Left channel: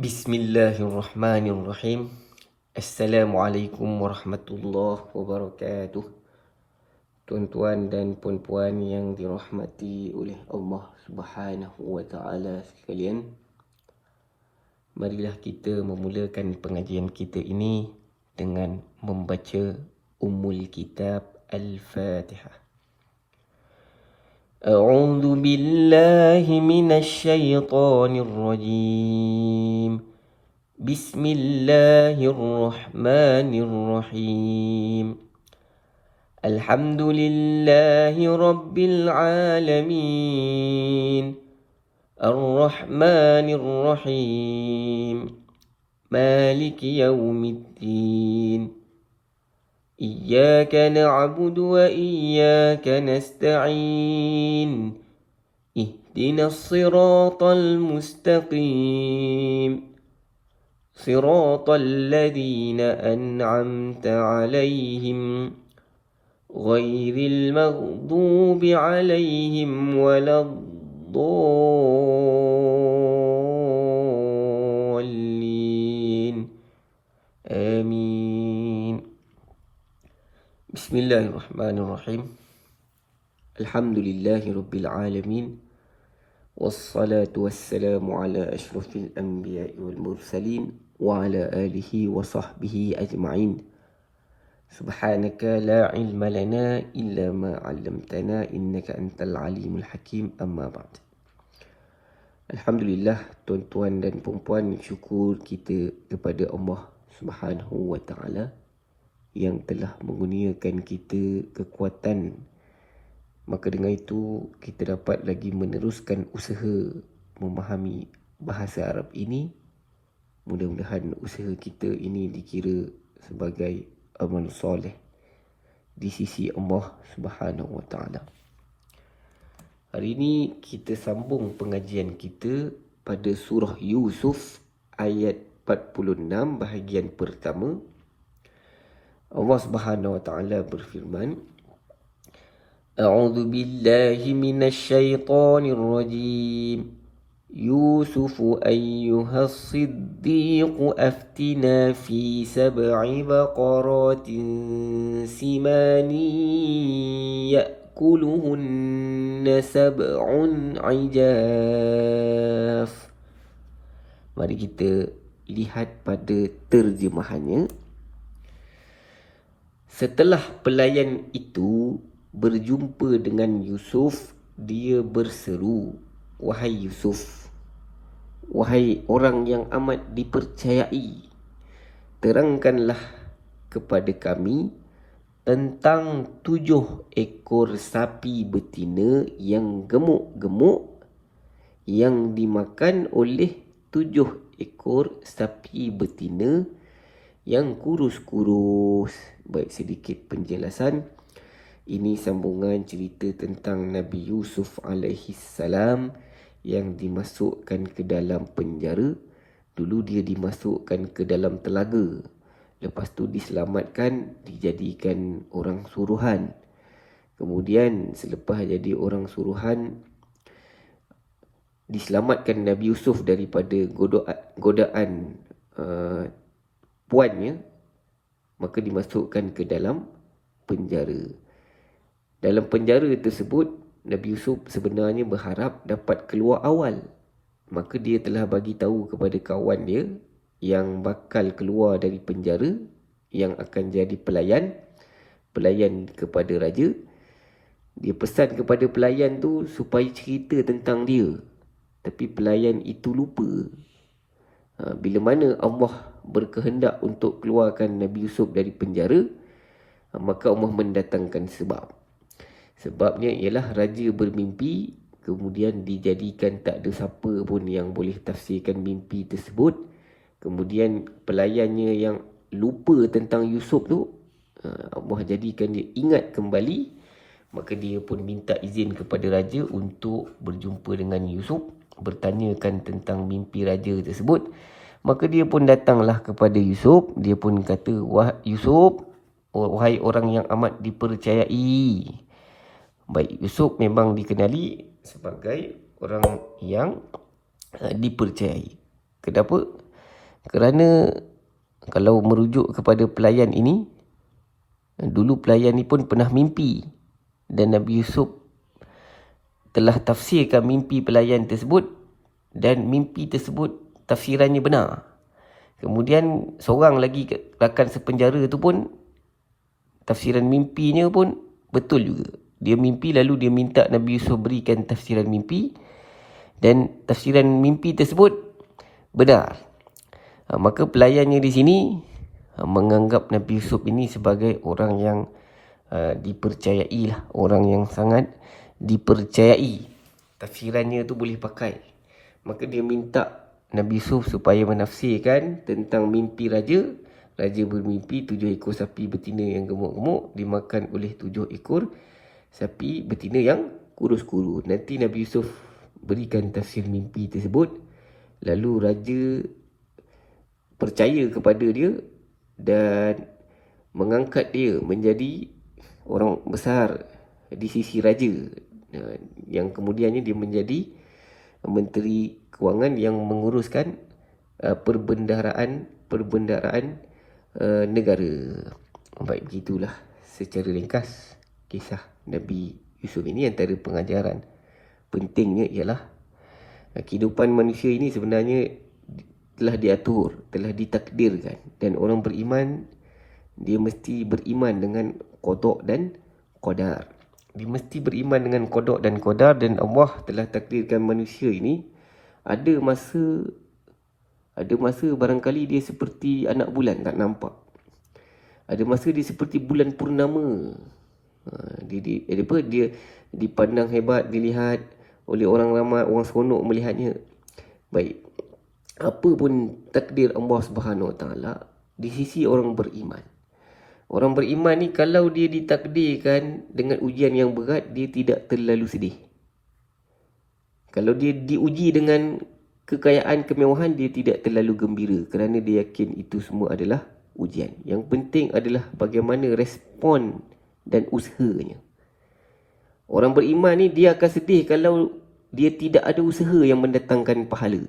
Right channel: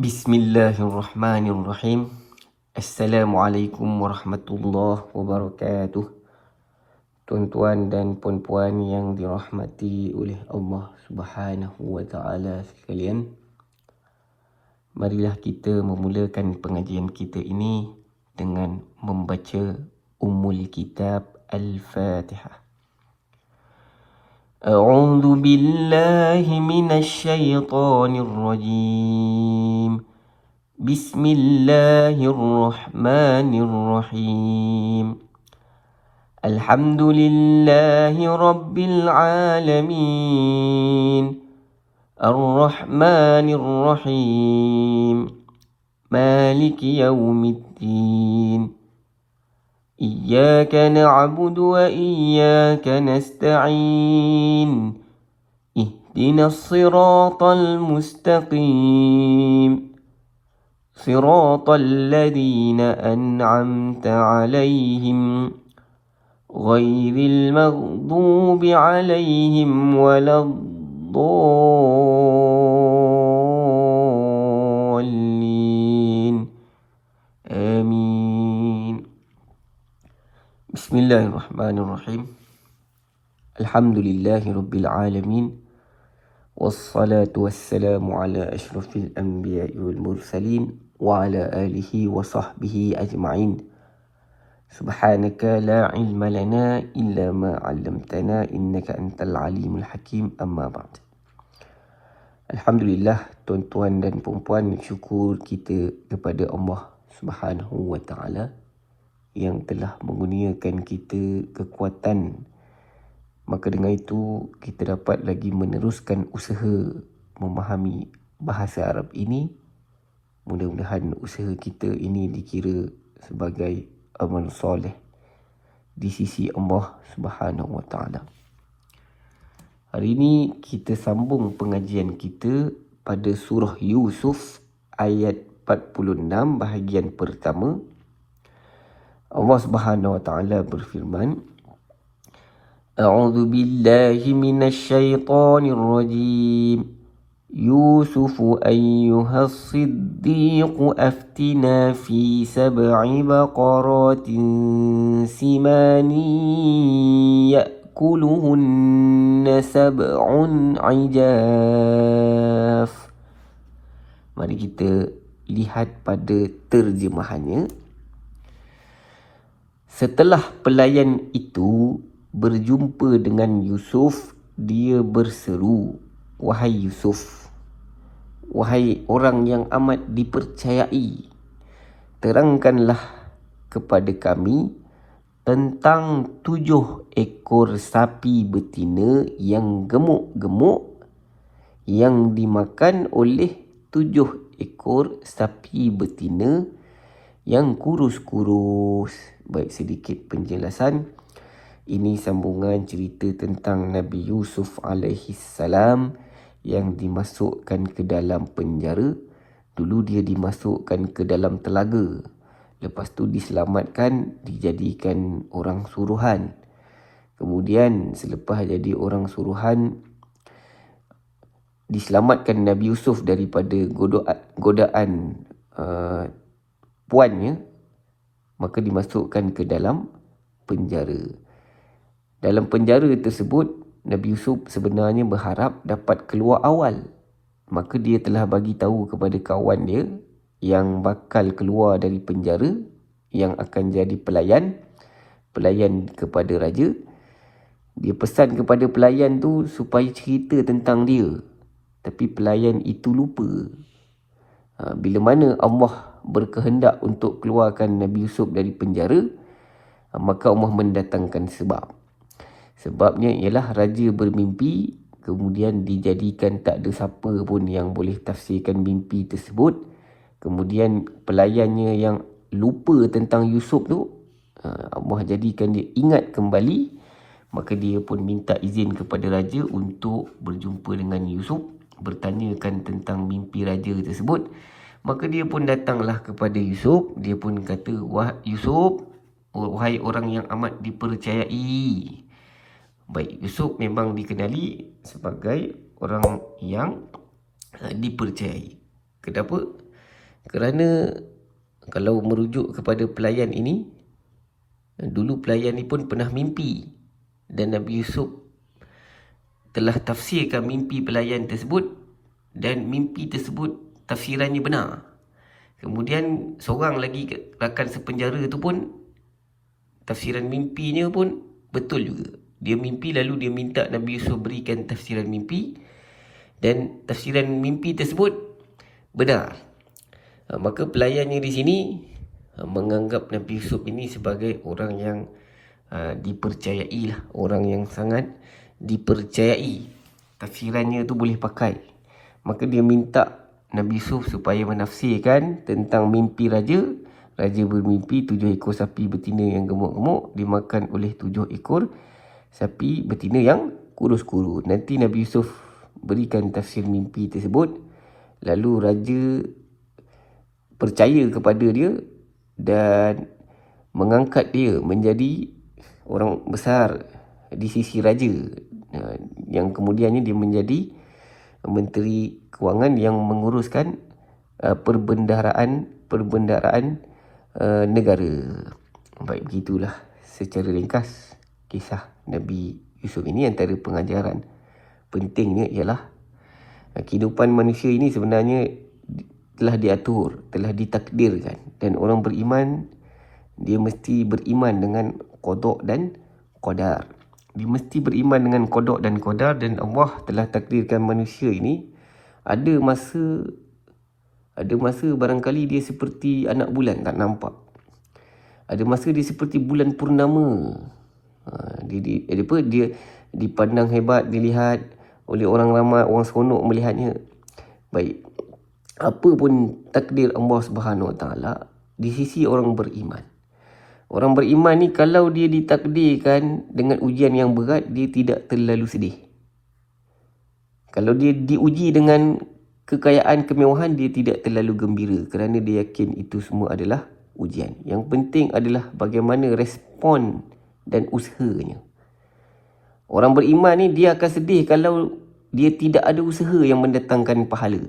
Bismillahirrahmanirrahim. Assalamualaikum warahmatullahi wabarakatuh. Tuan-tuan dan puan-puan yang dirahmati oleh Allah Subhanahu wa taala sekalian. Marilah kita memulakan pengajian kita ini dengan membaca Ummul Kitab Al-Fatihah. A'udzu billahi minasy syaithanir rajim. Bismillahirrahmanirrahim. Alhamdulillahi rabbil alamin. Ar-Rahmanir Rahim. Maliki yaumiddin. Iyyaka na'budu wa iyyaka nasta'in. Ihdinas siratal mustaqim. Siratal ladzina an'amta 'alaihim ghairil maghdubi 'alaihim waladdallin. Amin. Bismillahirrahmanirrahim. Alhamdulillahirabbil alamin. Wassalatu wassalamu ala asyrafil anbiya'i wal mursalin wa ala alihi wa sahbihi ajma'in. Subhanaka la ilma lana illa ma 'allamtana innaka antal alimul hakim. Amma ba'd. Alhamdulillah, tuan-tuan dan puan-puan, syukur kita kepada Allah Subhanahu wa taala yang telah mengurniakan kita kekuatan. Maka dengan itu kita dapat lagi meneruskan usaha memahami bahasa Arab ini. Mudah-mudahan usaha kita ini dikira sebagai amal soleh di sisi Allah Subhanahu wa taala. Hari ini kita sambung pengajian kita pada surah Yusuf ayat 46 bahagian pertama. Allah Subhanahu wa taala berfirman, A'udzu billahi minasy syaithanir rajim. Yusuf ayyuhas siddiq aftina fi sab'i baqaratin simani ya'kuluhunna sab'un 'ijaf. Mari kita lihat pada terjemahannya. Setelah pelayan itu berjumpa dengan Yusuf, dia berseru, "Wahai Yusuf, wahai orang yang amat dipercayai, terangkanlah kepada kami tentang 7 ekor sapi betina yang gemuk-gemuk yang dimakan oleh 7 ekor sapi betina yang kurus-kurus." Baik, sedikit penjelasan. Ini sambungan cerita tentang Nabi Yusuf alaihi salam yang dimasukkan ke dalam penjara. Dulu dia dimasukkan ke dalam telaga. Lepas tu diselamatkan, dijadikan orang suruhan. Kemudian selepas jadi orang suruhan, diselamatkan Nabi Yusuf daripada godaan puannya. Maka dimasukkan ke dalam penjara. Dalam penjara tersebut, Nabi Yusuf sebenarnya berharap dapat keluar awal. Maka dia telah bagi tahu kepada kawan dia yang bakal keluar dari penjara, yang akan jadi pelayan kepada raja. Dia pesan kepada pelayan tu supaya cerita tentang dia. Tapi pelayan itu lupa. Bila mana Allah berkehendak untuk keluarkan Nabi Yusuf dari penjara, maka Allah mendatangkan sebab. Sebabnya ialah raja bermimpi, kemudian dijadikan tak ada siapa pun yang boleh tafsirkan mimpi tersebut. Kemudian pelayannya yang lupa tentang Yusuf tu, Allah jadikan dia ingat kembali. Maka dia pun minta izin kepada raja untuk berjumpa dengan Yusuf, bertanyakan tentang mimpi raja tersebut. Maka dia pun datanglah kepada Yusuf. Dia pun kata, "Wah Yusuf, wahai orang yang amat dipercayai." Baik, Yusuf memang dikenali sebagai orang yang dipercayai. Kenapa? Kerana kalau merujuk kepada pelayan ini, dulu pelayan ni pun pernah mimpi dan Nabi Yusuf telah tafsirkan mimpi pelayan tersebut dan mimpi tersebut tafsirannya benar. Kemudian seorang lagi rakan sepenjara tu pun tafsiran mimpinya pun betul juga. Dia mimpi lalu dia minta Nabi Yusuf berikan tafsiran mimpi dan tafsiran mimpi tersebut benar. Maka pelayannya di sini menganggap Nabi Yusuf ini sebagai orang yang dipercayai lah, orang yang sangat dipercayai. Tafsirannya tu boleh pakai. Maka dia minta Nabi Yusuf supaya menafsirkan tentang mimpi raja. Raja bermimpi 7 ekor sapi betina yang gemuk-gemuk dimakan oleh 7 ekor sapi betina yang kurus-kurus. Nanti Nabi Yusuf berikan tafsir mimpi tersebut. Lalu raja percaya kepada dia dan mengangkat dia menjadi orang besar di sisi raja, yang kemudiannya dia menjadi menteri kewangan yang menguruskan perbendaharaan negara. Baik, begitulah secara ringkas kisah Nabi Yusuf ini. Antara pengajaran pentingnya ialah kehidupan manusia ini sebenarnya telah diatur, telah ditakdirkan, dan orang beriman dia mesti beriman dengan qada dan qadar. Dia mesti beriman dengan qada dan qadar, dan Allah telah takdirkan manusia ini ada masa barangkali dia seperti anak bulan tak nampak. Ada masa dia seperti bulan purnama. Dia dipandang hebat, dilihat oleh orang ramai, orang seronok melihatnya. Baik, apa pun takdir Allah Subhanahu Wa Taala di sisi orang beriman. Orang beriman ni kalau dia ditakdirkan dengan ujian yang berat, dia tidak terlalu sedih. Kalau dia diuji dengan kekayaan, kemewahan, dia tidak terlalu gembira kerana dia yakin itu semua adalah ujian. Yang penting adalah bagaimana respon dan usahanya. Orang beriman ni dia akan sedih kalau dia tidak ada usaha yang mendatangkan pahala.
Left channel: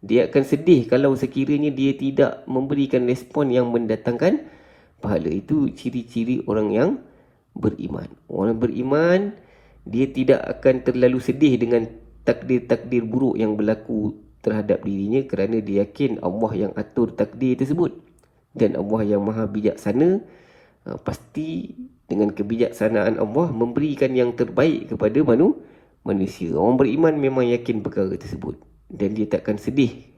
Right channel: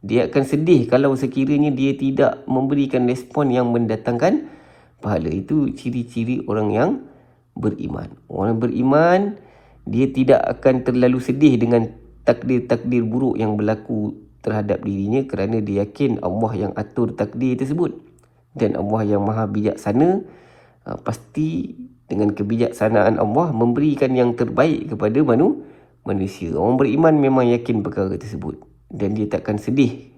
Dia akan sedih kalau sekiranya dia tidak memberikan respon yang mendatangkan pahala. Itu ciri-ciri orang yang beriman. Orang beriman, dia tidak akan terlalu sedih dengan takdir-takdir buruk yang berlaku terhadap dirinya kerana dia yakin Allah yang atur takdir tersebut. Dan Allah yang maha bijaksana, pasti dengan kebijaksanaan Allah memberikan yang terbaik kepada manusia. Orang beriman memang yakin perkara tersebut. Dan dia takkan sedih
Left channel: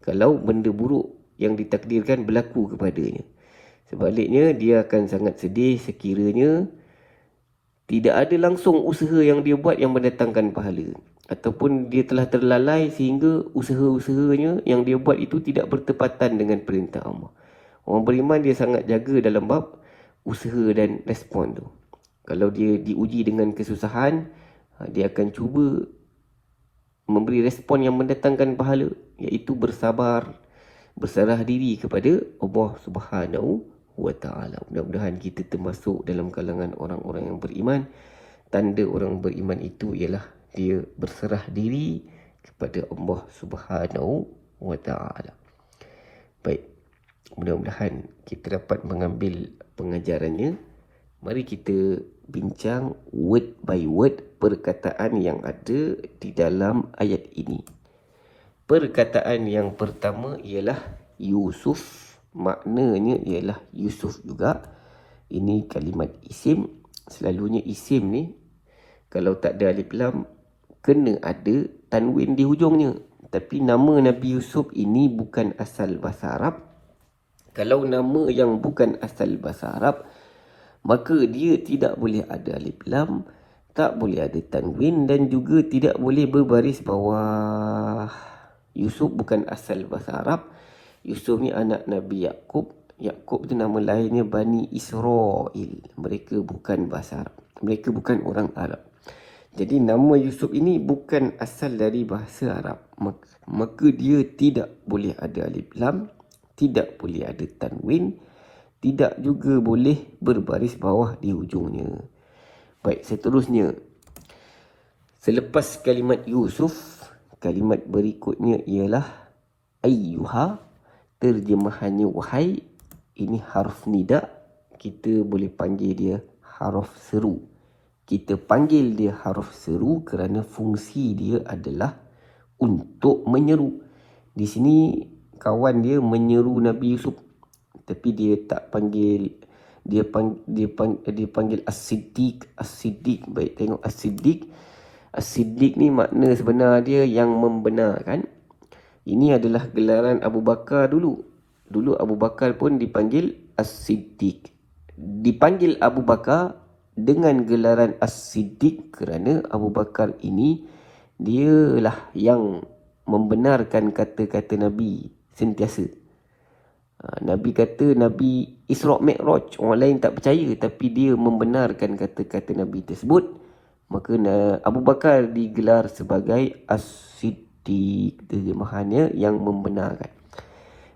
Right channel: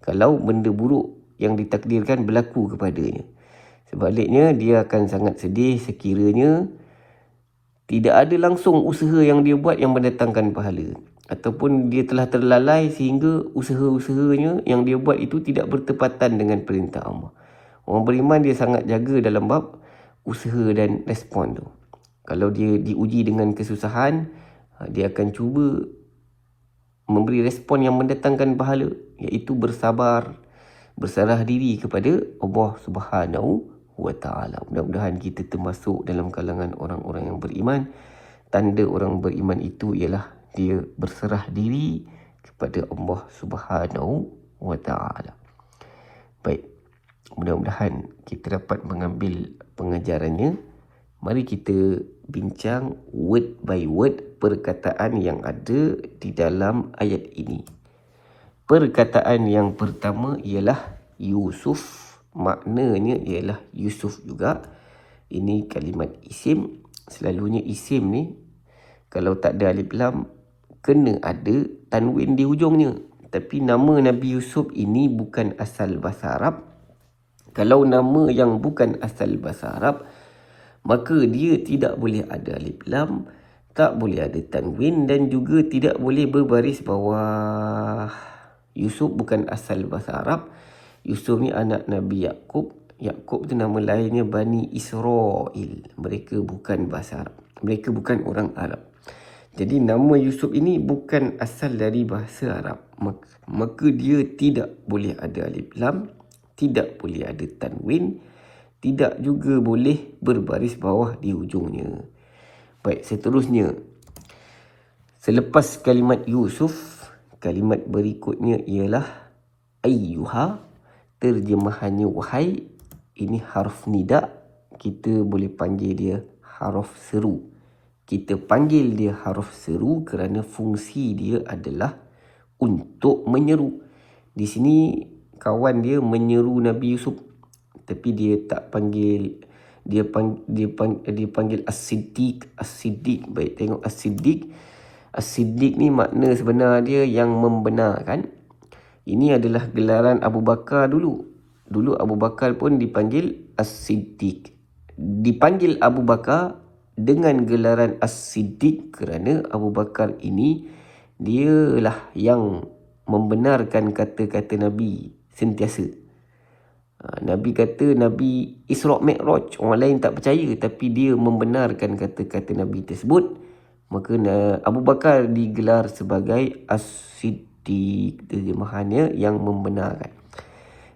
kalau benda buruk yang ditakdirkan berlaku kepadanya. Sebaliknya, dia akan sangat sedih sekiranya tidak ada langsung usaha yang dia buat yang mendatangkan pahala. Ataupun dia telah terlalai sehingga usaha-usahanya yang dia buat itu tidak bertepatan dengan perintah Allah. Orang beriman dia sangat jaga dalam bab usaha dan respon tu. Kalau dia diuji dengan kesusahan, dia akan cuba memberi respon yang mendatangkan pahala, iaitu bersabar, berserah diri kepada Allah Subhanahu Wa Taala. Mudah-mudahan kita termasuk dalam kalangan orang-orang yang beriman. Tanda orang beriman itu ialah dia berserah diri kepada Allah Subhanahu Wa Taala. Baik, mudah-mudahan kita dapat mengambil pengajarannya. Mari kita bincang word by word perkataan yang ada di dalam ayat ini. Perkataan yang pertama ialah Yusuf. Maknanya ialah Yusuf juga. Ini kalimat isim. Selalunya isim ni kalau tak ada alif lam kena ada tanwin di hujungnya. Tapi nama Nabi Yusuf ini bukan asal bahasa Arab. Kalau nama yang bukan asal bahasa Arab, maka dia tidak boleh ada alif lam, tak boleh ada tanwin, dan juga tidak boleh berbaris bawah. Yusuf bukan asal bahasa Arab. Yusuf ni anak Nabi Yaqub. Yaqub tu nama lainnya Bani Israel. Mereka bukan bahasa Arab. Mereka bukan orang Arab. Jadi nama Yusuf ini bukan asal dari bahasa Arab. Maka dia tidak boleh ada alif lam, tidak boleh ada tanwin, tidak juga boleh berbaris bawah di hujungnya. Baik, seterusnya. Selepas kalimat Yusuf, kalimat berikutnya ialah ayyuha. terjemahannya wahai. Ini harf nida. Kita boleh panggil dia harf seru. Kita panggil dia harf seru kerana fungsi dia adalah untuk menyeru. Di sini kawan dia menyeru Nabi Yusuf, tapi dia tak panggil, dia panggil As-Siddiq. As-Siddiq. Baik, tengok As-Siddiq. As-Siddiq ni makna sebenar dia yang membenarkan. Ini adalah gelaran Abu Bakar dulu. Dulu Abu Bakar pun dipanggil As-Siddiq. Dipanggil Abu Bakar dengan gelaran As-Siddiq kerana Abu Bakar ini dialah yang membenarkan kata-kata Nabi sentiasa. Nabi kata Nabi Isra' Mi'raj, orang lain tak percaya, tapi dia membenarkan kata-kata Nabi tersebut. Maka Abu Bakar digelar sebagai As-Siddiq, terjemahannya yang membenarkan.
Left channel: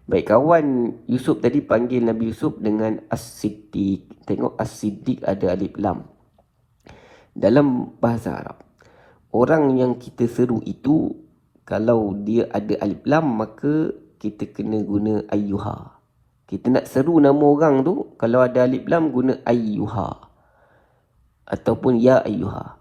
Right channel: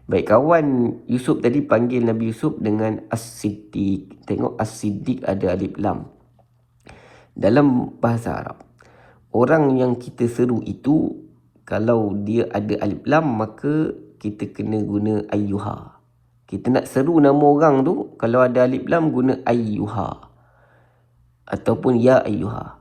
Baik, kawan Yusuf tadi panggil Nabi Yusuf dengan As-Siddiq. Tengok As-Siddiq ada alif lam. Dalam bahasa Arab, orang yang kita seru itu, kalau dia ada alif lam, maka kita kena guna ayyuha. Kita nak seru nama orang tu, kalau ada alif lam, guna ayyuha ataupun ya ayyuha.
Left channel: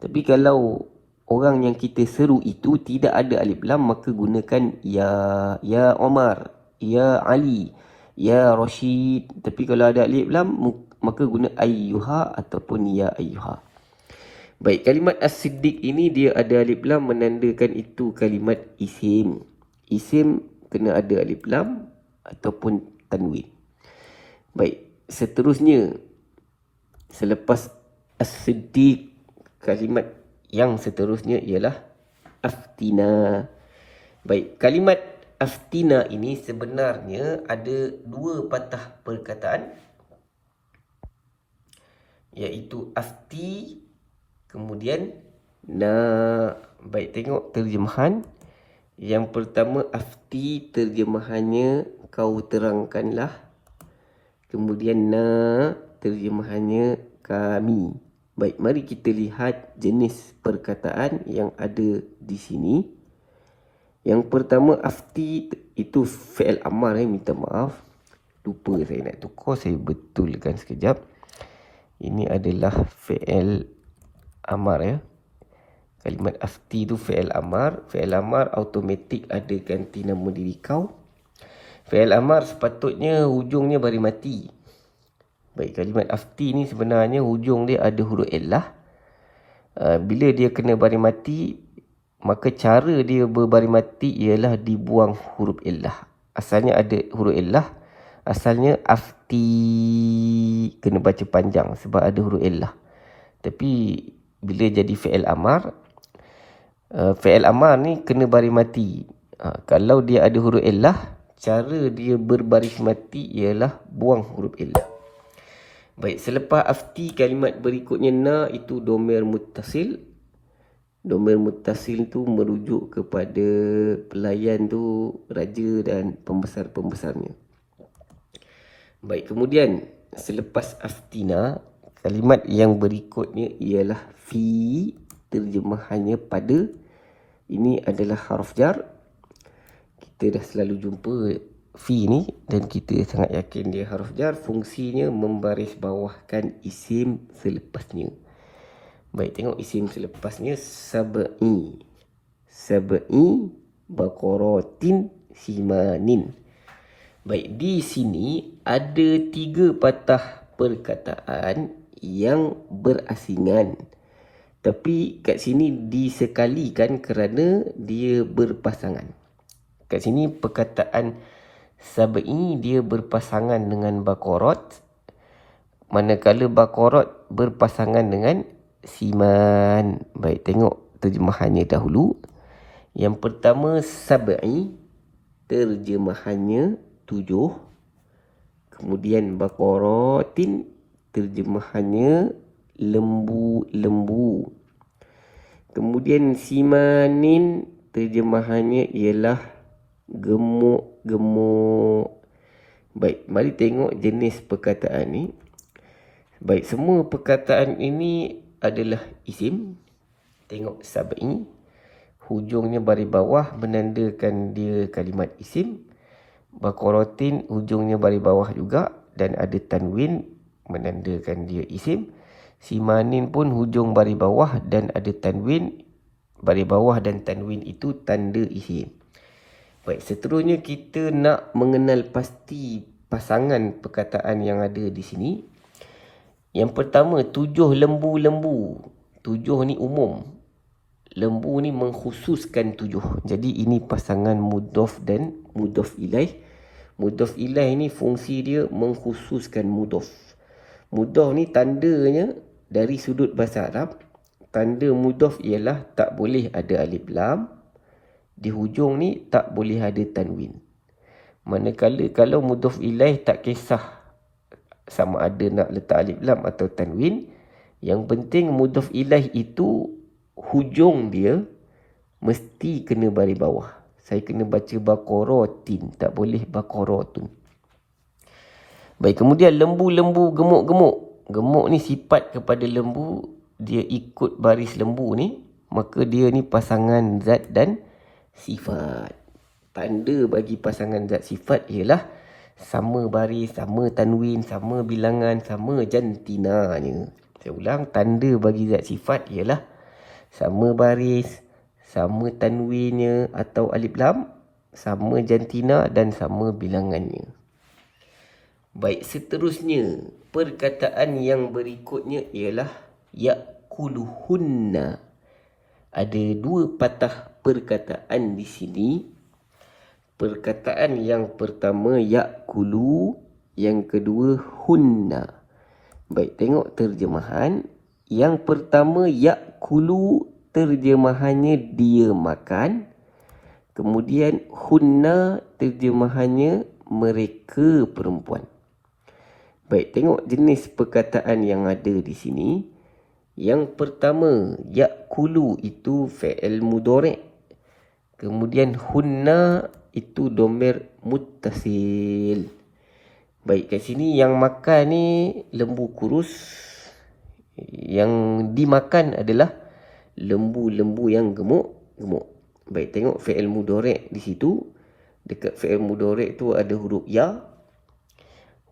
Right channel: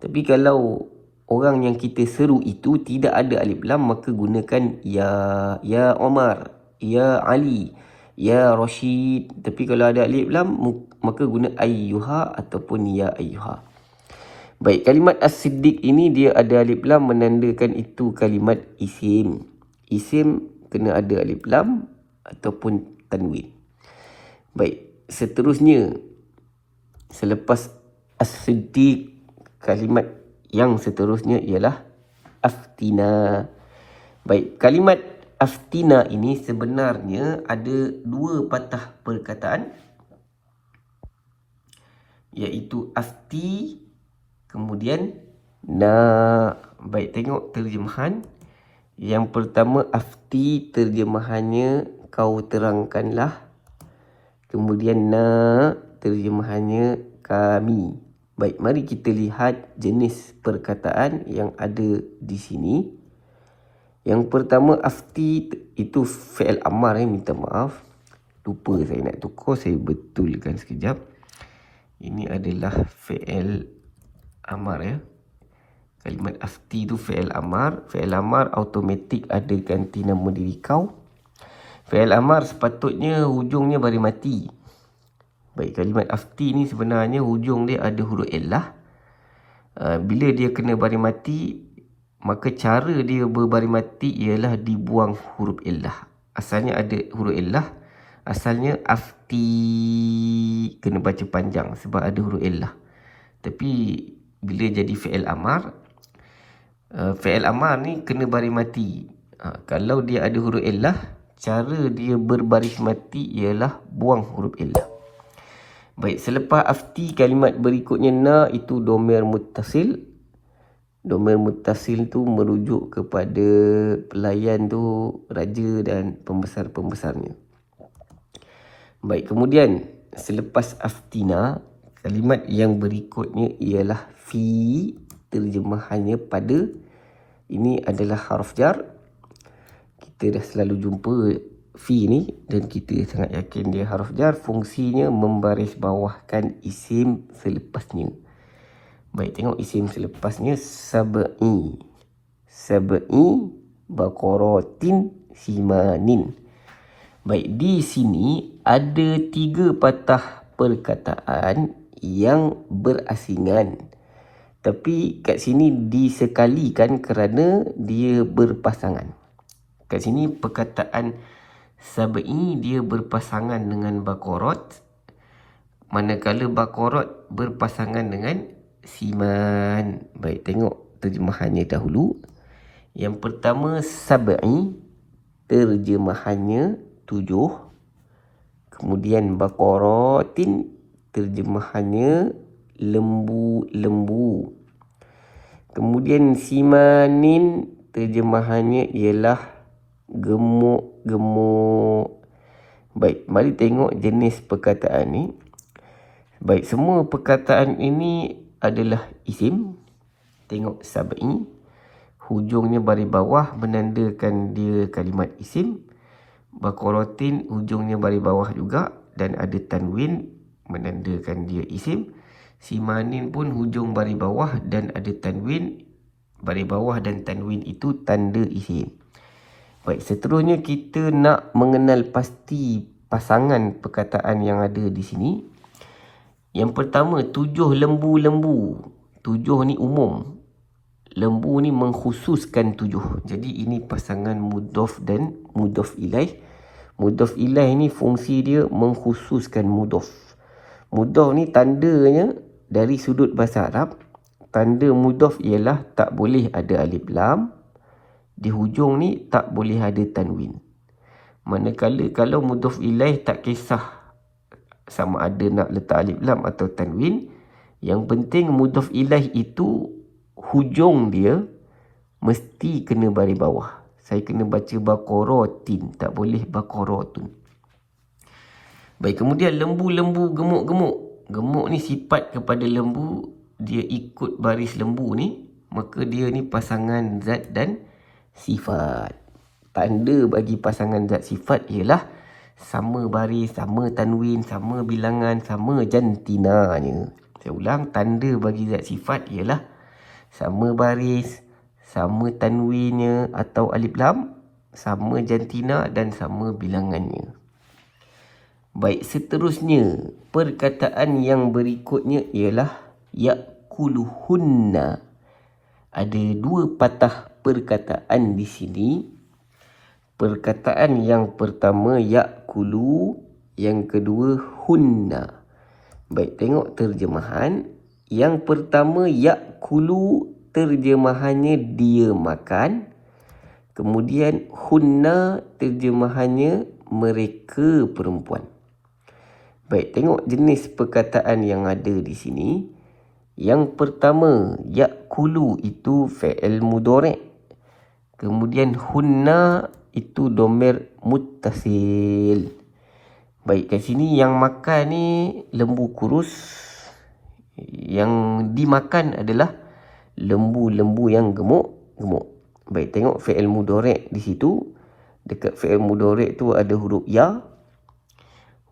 Tapi kalau orang yang kita seru itu tidak ada alif lam, maka gunakan ya Omar, ya Ali, ya Rashid. Tapi kalau ada alif lam, maka guna ayyuha ataupun ya ayyuha. Baik, kalimat As-Siddiq ini dia ada alif lam menandakan itu kalimat isim. Isim kena ada alif lam ataupun tanwin. Baik, seterusnya selepas As-Siddiq, kalimat yang seterusnya ialah Aftina. Baik, kalimat Aftina ini sebenarnya ada dua patah perkataan, iaitu afti kemudian na. Baik, tengok terjemahan. Yang pertama afti, terjemahannya kau terangkanlah. Kemudian na, terjemahannya kami. Baik, mari kita lihat jenis perkataan yang ada di sini. Yang pertama afti itu fi'il amar. Minta maaf, lupa saya nak tukar, saya betulkan sekejap. Ini adalah fi'il amar ya. Kalimat afti itu fi'il amar. Fi'il amar automatik ada ganti nama diri kau. Fi'il amar sepatutnya hujungnya baris mati. Baik, kalimat afti ni sebenarnya hujung dia ada huruf illah. Bila dia kena baris mati, maka cara dia berbaris mati ialah dibuang huruf illah. Asalnya ada huruf illah. Asalnya afti kena baca panjang sebab ada huruf illah. Tapi bila jadi fi'il amar, fi'il amar ni kena baris mati. Kalau dia ada huruf illah, cara dia berbaris mati ialah buang huruf illah. Baik, selepas afti, kalimat berikutnya na, itu domir muttasil. Domir muttasil tu merujuk kepada pelayan tu, raja dan pembesar-pembesarnya. Baik, kemudian selepas aftina, kalimat yang berikutnya ialah fi, terjemahannya pada. Ini adalah harf jar. Kita dah selalu jumpa fi ni dan kita sangat yakin dia harf jar. Fungsinya membaris bawahkan isim selepasnya. Baik, tengok isim selepasnya sab'i. Sab'i baqaratin simanin. Baik, di sini ada 3 patah perkataan yang berasingan. Tapi kat sini disekalikan kerana dia berpasangan. Kat sini perkataan sab'i dia berpasangan dengan baqarat, manakala baqarat berpasangan dengan siman. Baik, tengok terjemahannya dahulu. Yang pertama sab'i, terjemahannya 7. Kemudian baqaratin, terjemahannya lembu-lembu. Kemudian simanin, terjemahannya ialah gemuk-gemuk. Baik, mari tengok jenis perkataan ni. Baik, semua perkataan ini adalah isim. Tengok sab'i, hujungnya baris bawah menandakan dia kalimat isim. Baqaratin hujungnya baris bawah juga dan ada tanwin menandakan dia isim. Simanin pun hujung baris bawah dan ada tanwin. Baris bawah dan tanwin itu tanda isim. Baik, seterusnya kita nak mengenal pasti pasangan perkataan yang ada di sini. Yang pertama, 7 lembu-lembu. 7 ni umum. Lembu ni mengkhususkan 7. Jadi ini pasangan mudhaf dan mudhaf ilaih. Mudhaf ilaih ni fungsi dia mengkhususkan mudhaf. Mudhaf ni tandanya dari sudut bahasa Arab, tanda mudhaf ialah tak boleh ada alif lam. Di hujung ni tak boleh ada tanwin. Manakala kalau mudhaf ilaih tak kisah sama ada nak letak alif lam atau tanwin, yang penting mudhaf ilaih itu hujung dia mesti kena baris bawah. Saya kena baca baqaratin, tak boleh baqaratun. Baik, kemudian lembu-lembu gemuk-gemuk. Gemuk ni sifat kepada lembu, dia ikut baris lembu ni, maka dia ni pasangan zat dan sifat. Tanda bagi pasangan zat sifat ialah sama baris, sama tanwin, sama bilangan, sama jantinanya. Saya ulang, tanda bagi zat sifat ialah sama baris, sama tanwinnya atau alif lam, sama jantina dan sama bilangannya. Baik, seterusnya perkataan yang berikutnya ialah ya'kuluhunna. Ada 2 patah perkataan di sini. Perkataan yang pertama ya'kulu, yang kedua hunna. Baik, tengok terjemahan. Yang pertama ya'kulu, terjemahannya dia makan. Kemudian hunna, terjemahannya mereka perempuan. Baik, tengok jenis perkataan yang ada di sini. Yang pertama, ya'kulu itu fi'il mudhari'. Kemudian hunna itu dhamir muttasil. Baik, kat sini yang makan ni lembu kurus. Yang dimakan adalah lembu-lembu yang gemuk-gemuk. Baik, tengok fi'il mudhari' di situ. Dekat fi'il mudhari' tu ada huruf ya.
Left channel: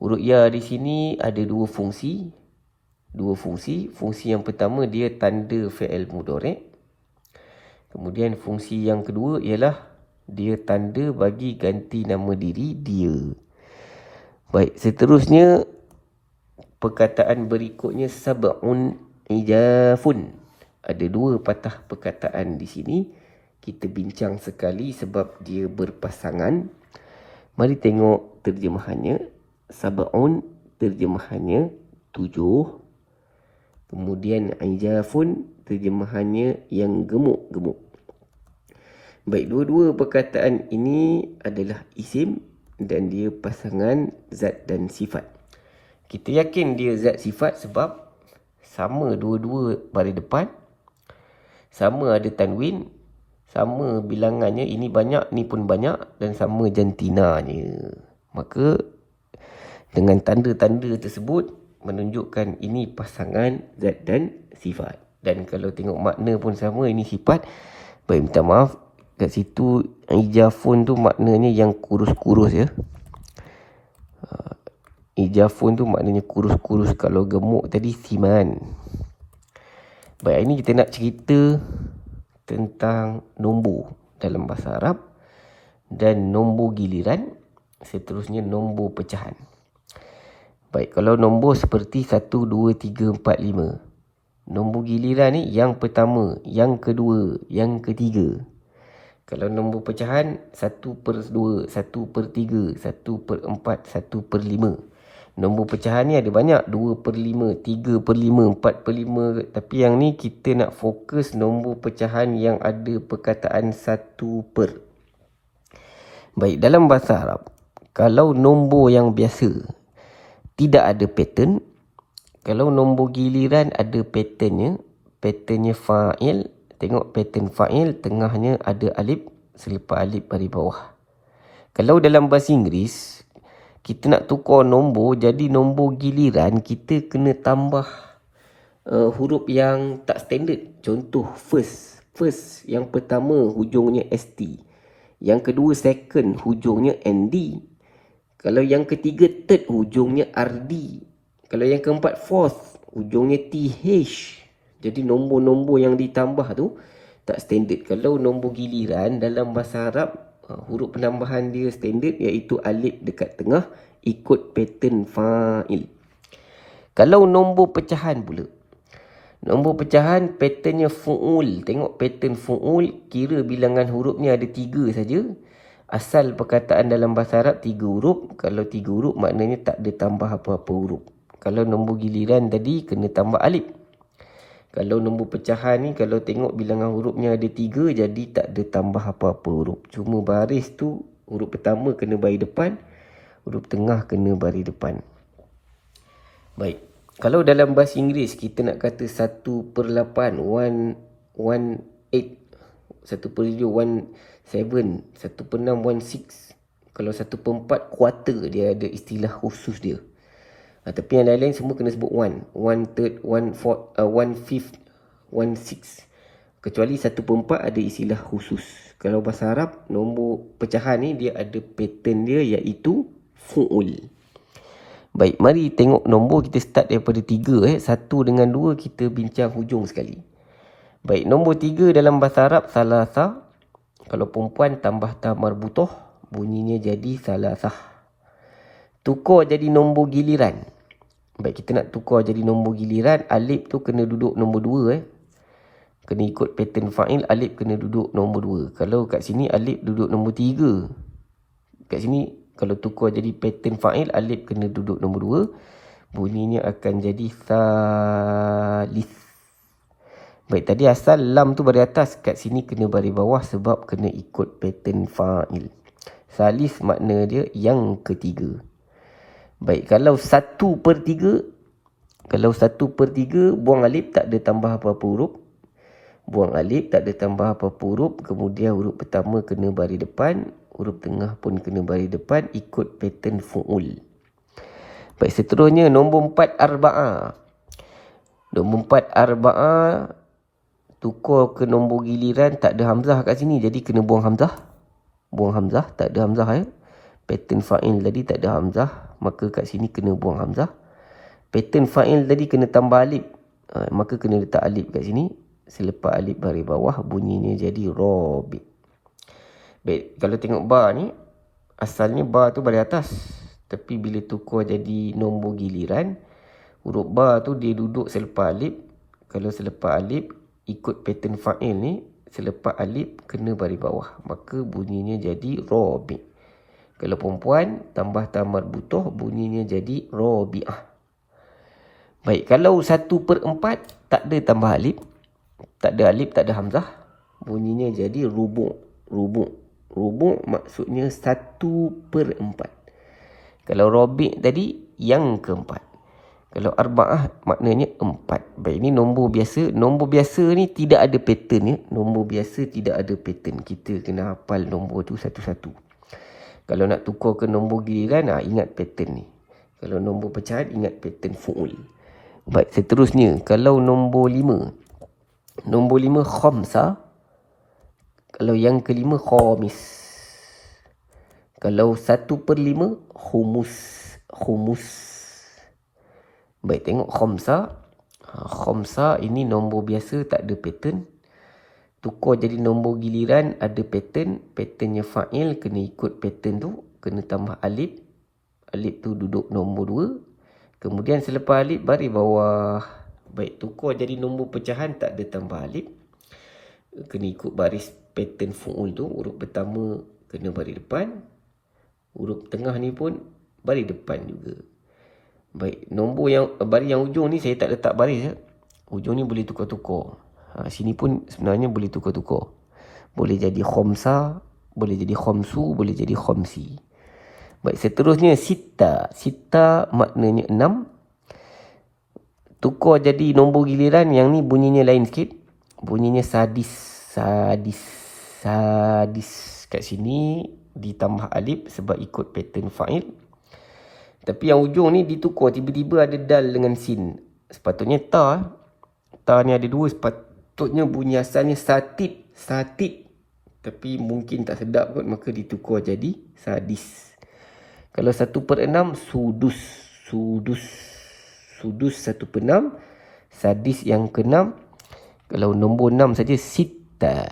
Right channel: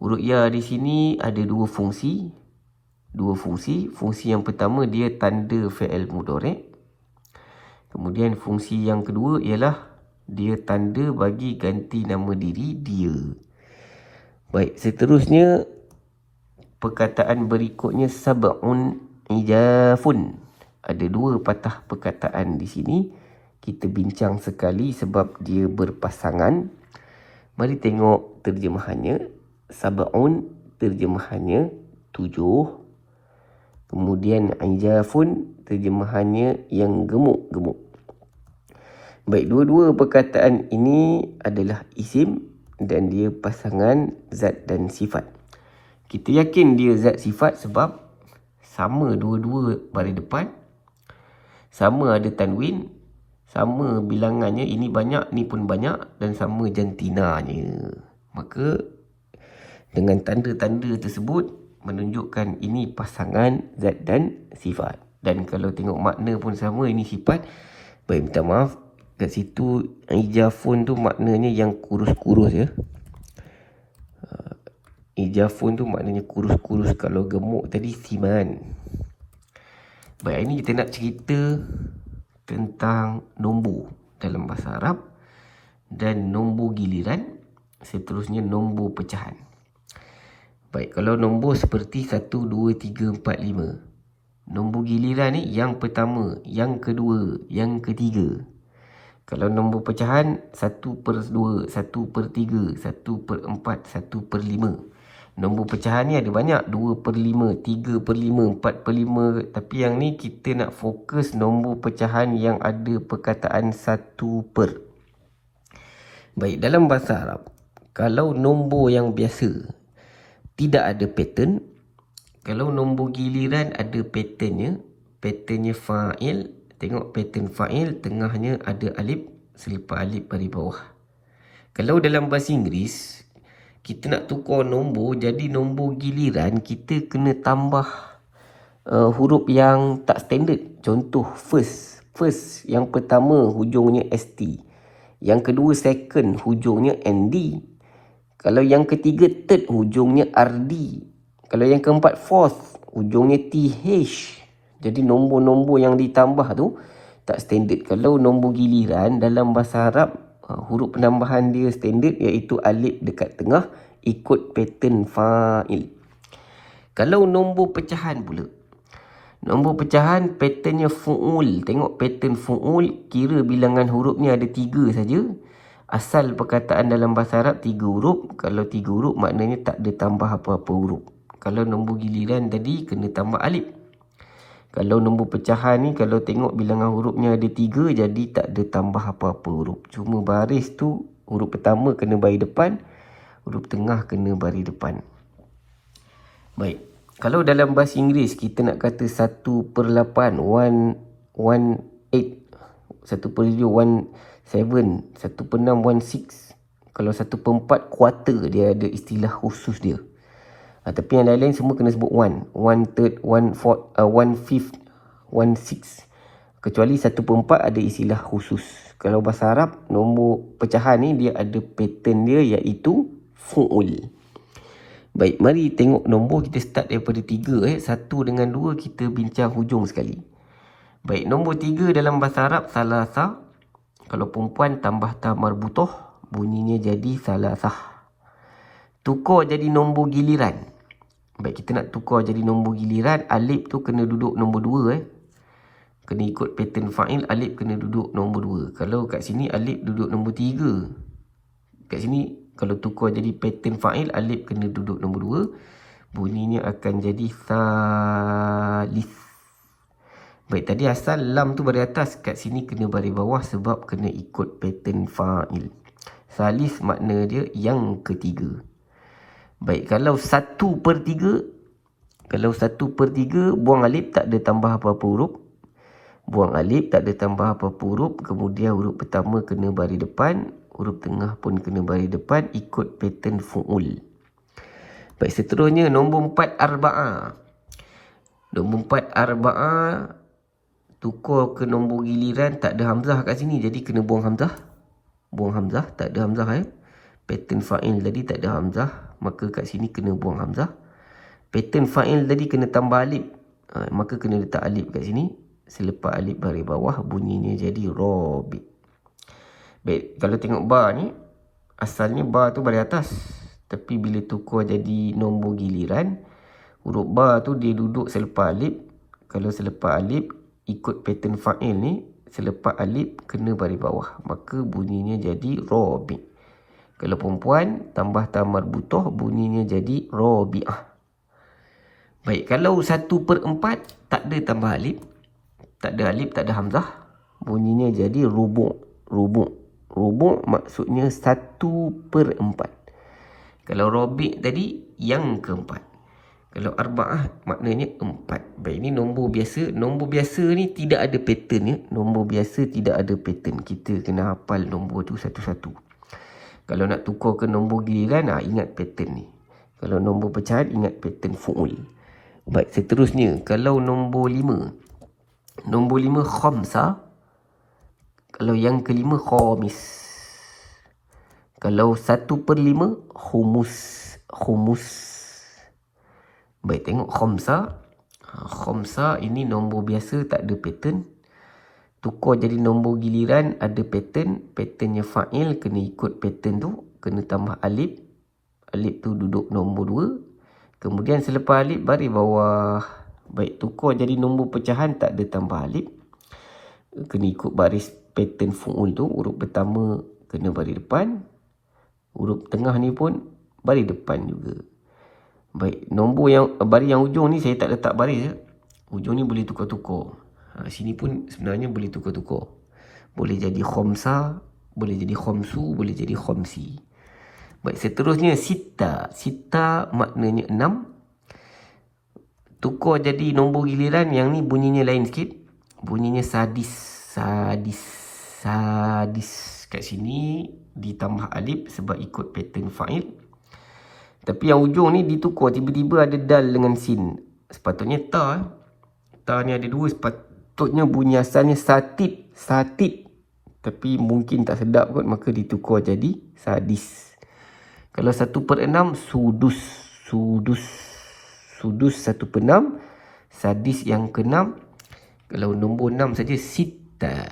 Huruf ya di sini ada 2 fungsi. Fungsi yang pertama dia tanda fi'il mudhari'. Kemudian fungsi yang kedua ialah dia tanda bagi ganti nama diri dia. Baik, seterusnya perkataan berikutnya sab'un ijafun. Ada 2 patah perkataan di sini. Kita bincang sekali sebab dia berpasangan. Mari tengok terjemahannya. Sab'un terjemahannya 7. Kemudian ijafun terjemahannya yang gemuk-gemuk. Baik, dua-dua perkataan ini adalah isim dan dia pasangan zat dan sifat. Kita yakin dia zat sifat sebab sama dua-dua baris depan, sama ada tanwin, sama bilangannya, ini banyak, ni pun banyak, dan sama jantinanya. Maka dengan tanda-tanda tersebut menunjukkan ini pasangan zat dan sifat. Dan kalau tengok makna pun sama, ini sifat. Baik, minta maaf, kat situ ijafun tu maknanya yang kurus-kurus ya. Ijafun tu maknanya kurus-kurus. Kalau gemuk tadi siman. Baik, ini kita nak cerita tentang nombor dalam bahasa Arab dan nombor giliran, seterusnya nombor pecahan. Baik, kalau nombor seperti 1, 2, 3, 4, 5. Nombor giliran ni yang pertama, yang kedua, yang ketiga. Kalau nombor pecahan 1/2, 1/3, 1/4, 1/5. Nombor pecahan ni ada banyak, 2/5, 3/5, 4/5. Tapi yang ni kita nak fokus nombor pecahan yang ada perkataan 1/. Baik, dalam bahasa Arab, kalau nombor yang biasa tidak ada pattern, kalau nombor giliran ada patternnya, patternnya fa'il. Tengok pattern fa'il, tengahnya ada alif, selepas alif baris bawah. Kalau dalam bahasa Inggeris, kita nak tukar nombor, jadi nombor giliran kita kena tambah huruf yang tak standard. Contoh first. First yang pertama hujungnya ST. Yang kedua second hujungnya ND. Kalau yang ketiga third, ujungnya RD. Kalau yang keempat fourth, ujungnya TH. Jadi nombor-nombor yang ditambah tu tak standard. Kalau nombor giliran dalam bahasa Arab, huruf penambahan dia standard, iaitu alif dekat tengah ikut pattern fa'il. Kalau nombor pecahan pula, nombor pecahan patternnya fu'ul. Tengok pattern fu'ul, kira bilangan hurufnya ada 3 saja. Asal perkataan dalam bahasa Arab 3 huruf. Kalau 3 huruf maknanya tak ada tambah apa-apa huruf. Kalau nombor giliran tadi kena tambah alif. Kalau nombor pecahan ni, kalau tengok bilangan hurufnya ada 3, jadi tak ada tambah apa-apa huruf. Cuma baris tu, huruf pertama kena baris depan, huruf tengah kena baris depan. Baik. Kalau dalam bahasa Inggeris, kita nak kata 1/8, 1/8, 1/17, 1/6, 1/6. Kalau 1/4 quarter, dia ada istilah khusus dia. Tapi yang lain-lain semua kena sebut 1/3, 1/4, 1/5, 1/6. Kecuali 1/4 ada istilah khusus. Kalau bahasa Arab, nombor pecahan ni dia ada pattern dia, iaitu fu'ul. Baik, mari tengok nombor. Kita start daripada 3. 1 dengan 2 kita bincang hujung sekali. Baik, nombor 3 dalam bahasa Arab salasah. Kalau perempuan tambah ta marbutoh, bunyinya jadi salasah. Tukar jadi nombor giliran. Baik, kita nak tukar jadi nombor giliran, alif tu kena duduk nombor 2. Kena ikut pattern fa'il, alif kena duduk nombor 2. Kalau kat sini alif duduk nombor 3. Kat sini kalau tukar jadi pattern fa'il, alif kena duduk nombor 2. Bunyinya akan jadi salis. Baik, tadi asal lam tu baris atas, kat sini kena baris bawah sebab kena ikut pattern fa'il. Salis makna dia yang ketiga. Baik, kalau 1/3, kalau 1/3 buang alif, tak ada tambah apa-apa huruf. Buang alif, tak ada tambah apa-apa huruf. Kemudian huruf pertama kena baris depan, huruf tengah pun kena baris depan, ikut pattern fu'ul. Baik, seterusnya nombor 4 arba'ah. Nombor 4 arba'ah, tukar ke nombor giliran, tak ada hamzah kat sini, jadi kena buang hamzah. Buang hamzah, tak ada hamzah Pattern fa'il tadi tak ada hamzah, maka kat sini kena buang hamzah. Pattern fa'il tadi kena tambah alif, maka kena letak alif kat sini. Selepas alif baris bawah, bunyinya jadi rabi'. Baik, kalau tengok bar ni, asalnya bar tu baris atas. Tapi bila tukar jadi nombor giliran, huruf bar tu dia duduk selepas alif. Kalau selepas alif, ikut pattern fa'il ni, selepas alif kena baris bawah, maka bunyinya jadi rabi'. Kalau perempuan tambah ta marbutoh, bunyinya jadi rabi'ah. Baik, kalau 1/4 tak ada tambah alif, tak ada alif, tak ada hamzah, bunyinya jadi rubu'. Rubu' maksudnya 1/4. Kalau rabi' tadi yang keempat. Kalau arba'ah maknanya 4. Baik, ini nombor biasa. Nombor biasa ni tidak ada pattern Nombor biasa tidak ada pattern. Kita kena hafal nombor tu satu-satu. Kalau nak tukar ke nombor giliran, ingat pattern ni. Kalau nombor pecahan, ingat pattern fu'ul. Baik, seterusnya, kalau nombor 5. Nombor 5 khamsah. Kalau yang kelima khamis. Kalau 1/5 khumus. Baik, tengok khamsah. Khamsah ini nombor biasa, tak ada pattern. Tukar jadi nombor giliran, ada pattern. Patternnya fa'il, kena ikut pattern tu. Kena tambah alif. Alif tu duduk nombor 2. Kemudian selepas alif, baris bawah. Baik, tukar jadi nombor pecahan, tak ada tambah alif. Kena ikut baris pattern fu'ul tu. Huruf pertama kena baris depan. Huruf tengah ni pun baris depan juga. Baik, nombor yang baris yang ujung ni saya tak letak baris. Ujung ni boleh tukar-tukar. Sini pun sebenarnya boleh tukar-tukar. Boleh jadi khamsah, boleh jadi khamsu, boleh jadi khamsi. Baik, seterusnya sita. Sita maknanya 6. Tukar jadi nombor giliran, yang ni bunyinya lain sikit. Bunyinya sadis. Kat sini ditambah alif sebab ikut pattern fa'il. Tapi yang ujung ni ditukar, tiba-tiba ada dal dengan sin. Sepatutnya ta. Ta ni ada 2, sepatutnya bunyi asalnya satid. Tapi mungkin tak sedap kot, maka ditukar jadi sadis. Kalau 1/6 sudus. Sudus 1/6. Sadis yang ke-6. Kalau nombor 6 saja sita.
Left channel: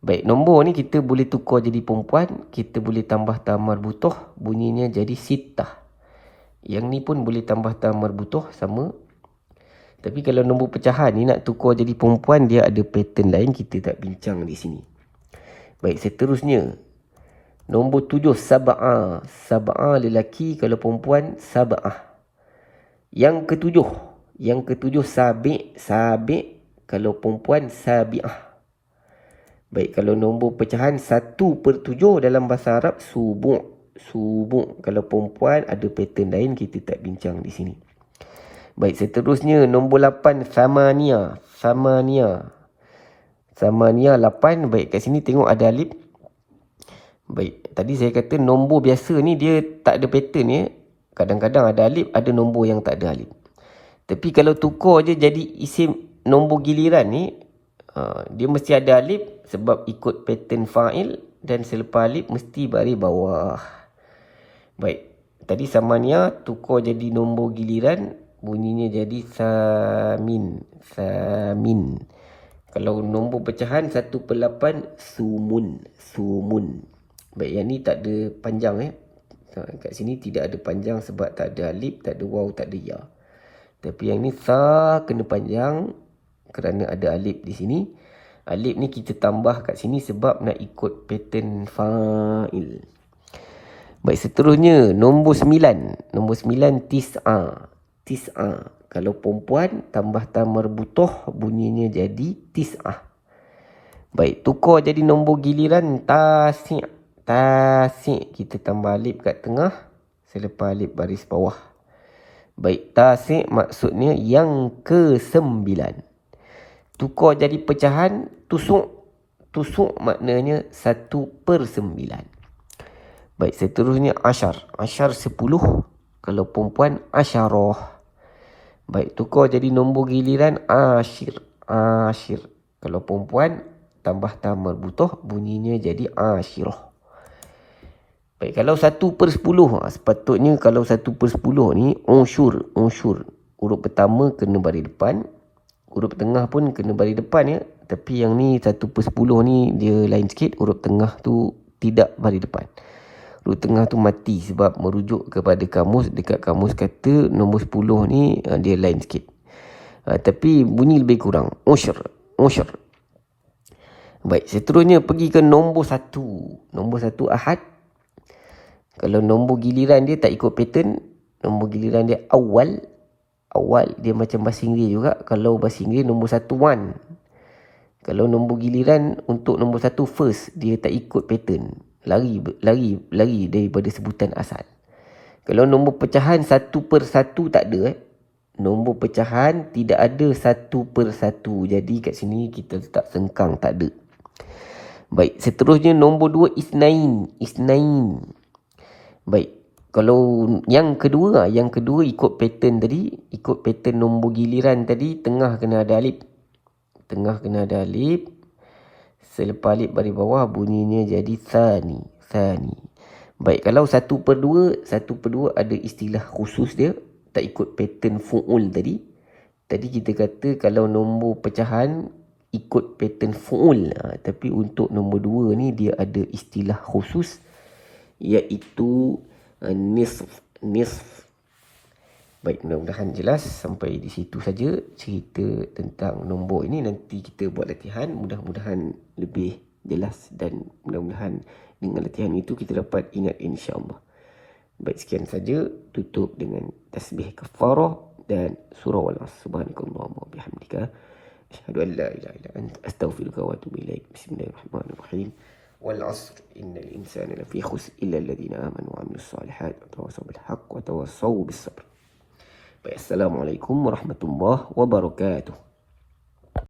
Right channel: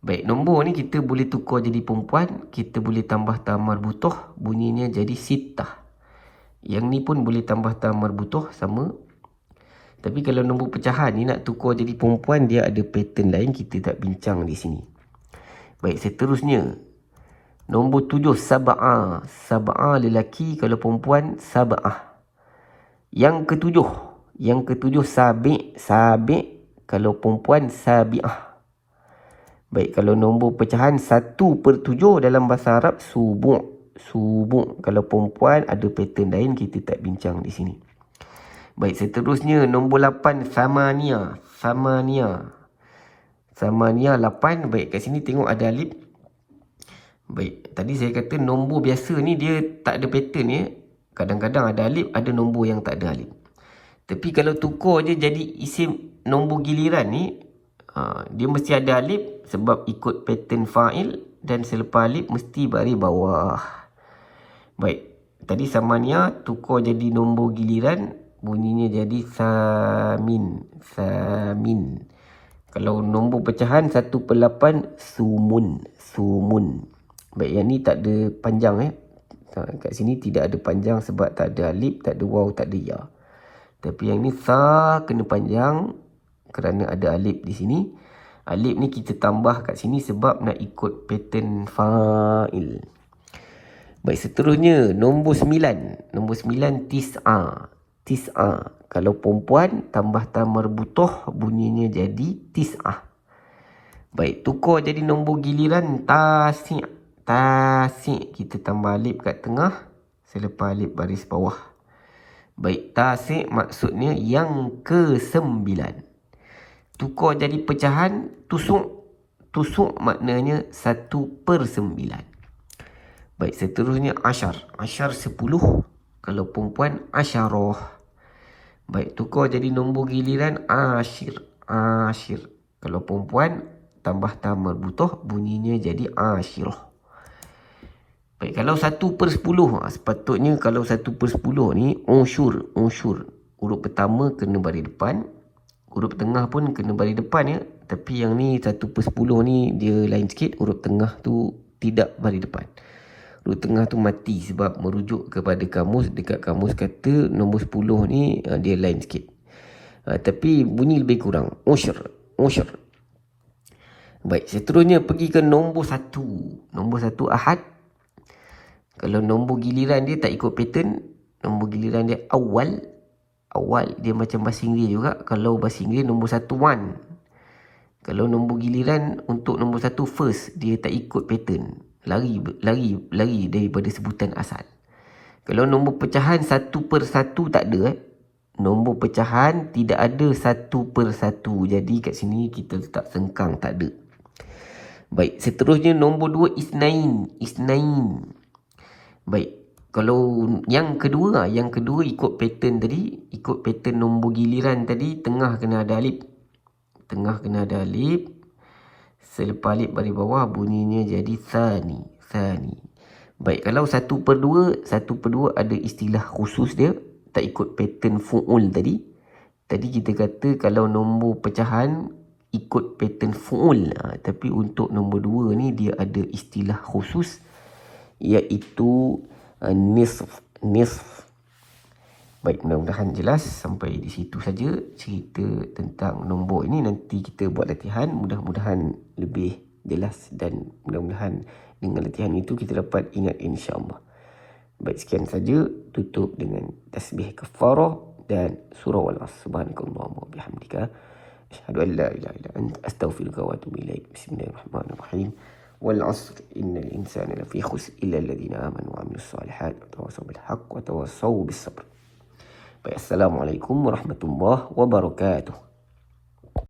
Baik, nombor ni kita boleh tukar jadi perempuan. Kita boleh tambah ta marbutoh. Bunyinya jadi sitah. Yang ni pun boleh tambah ta marbutoh, sama. Tapi kalau nombor pecahan ni nak tukar jadi perempuan, dia ada pattern lain, kita tak bincang di sini. Baik, seterusnya. Nombor 7 sab'ah. Sab'ah lelaki, kalau perempuan sab'ah. Yang ketujuh sabi'. Kalau perempuan sabi'ah. Baik, kalau nombor pecahan 1/7 dalam bahasa Arab subu'. Kalau perempuan ada pattern lain, kita tak bincang di sini. Baik, seterusnya nombor 8 samania. Samania 8. Baik, kat sini tengok ada alif. Baik, tadi saya kata nombor biasa ni dia tak ada pattern ya. Kadang-kadang ada alif, ada nombor yang tak ada alif. Tapi kalau tukar je jadi isim nombor giliran ni, dia mesti ada alif sebab ikut pattern fa'il, dan selepas alif mesti baris bawah. Baik, tadi samania tukar jadi nombor giliran, bunyinya jadi samin. Kalau nombor pecahan 1/8 sumun. Baik, yang ni tak ada panjang kat sini tidak ada panjang sebab tak ada alif, tak ada waw, tak ada ya. Tapi yang ni sa kena panjang kerana ada alif di sini. Alif ni kita tambah kat sini sebab nak ikut pattern fa'il. Baik, seterusnya nombor 9. Nombor 9 tis'ah. Kalau perempuan tambah ta marbutoh, bunyinya jadi tis'ah. Baik, tukar jadi nombor giliran tasi'. Kita tambah alif kat tengah, selepas alif baris bawah. Baik, tasi' maksudnya yang ke-9. Tukar jadi pecahan tusuk maknanya 1/9. Baik, seterusnya asyar 10. Kalau perempuan asyarah. Baik, tukar jadi nombor giliran asyir. Kalau perempuan tambah ta marbutoh, bunyinya jadi asyirah. Baik, kalau 1/10, sepatutnya kalau 1/10 ni unsyur. Huruf pertama kena baris depan. Huruf tengah pun kena baris depan ya. Tapi yang ni 1/10 ni dia lain sikit. Huruf tengah tu tidak baris depan. Huruf tengah tu mati sebab merujuk kepada kamus. Dekat kamus kata nombor 10 ni dia lain sikit. Tapi bunyi lebih kurang. Usyr. Baik, seterusnya pergi ke nombor 1. Nombor 1 ahad. Kalau nombor giliran dia tak ikut pattern. Nombor giliran dia awal dia macam bahasa Inggeris juga. Kalau bahasa Inggeris nombor 1 one. Kalau nombor giliran untuk nombor 1 first, dia tak ikut pattern. Lari daripada sebutan asal. Kalau nombor pecahan 1/1 tak ada. Nombor pecahan tidak ada 1/1. Jadi kat sini kita letak sengkang, tak ada. Baik, seterusnya nombor 2 isnain. Baik, kalau yang kedua ikut pattern tadi, ikut pattern nombor giliran tadi, tengah kena ada alif. Selepas alif baris bawah, bunyinya jadi sani. Baik, kalau 1/2 ada istilah khusus dia, tak ikut pattern fu'ul tadi. Tadi kita kata kalau nombor pecahan ikut pattern fu'ul. Tapi untuk nombor 2 ni dia ada istilah khusus, iaitu nisf. Baik, mudah-mudahan jelas. Sampai di situ saja cerita tentang nombor ini. Nanti kita buat latihan, mudah-mudahan lebih jelas, dan mudah-mudahan dengan latihan itu kita dapat ingat, insya-Allah. Baik, sekian saja. Tutup dengan tasbih kafarah dan surah Wal-'Asr. Subhanakallahumma wa bihamdika asyhadu an la ilaha illa anta astaghfiruka wa atubu ilaik. Bismillahirrahmanirrahim. Wal-'Asr innal insana lafi khusr illa alladhina amanu wa 'amilus solihat wa tawassaw bil haqq wa tawassaw bis sabr. Baik, assalamualaikum warahmatullahi wabarakatuh.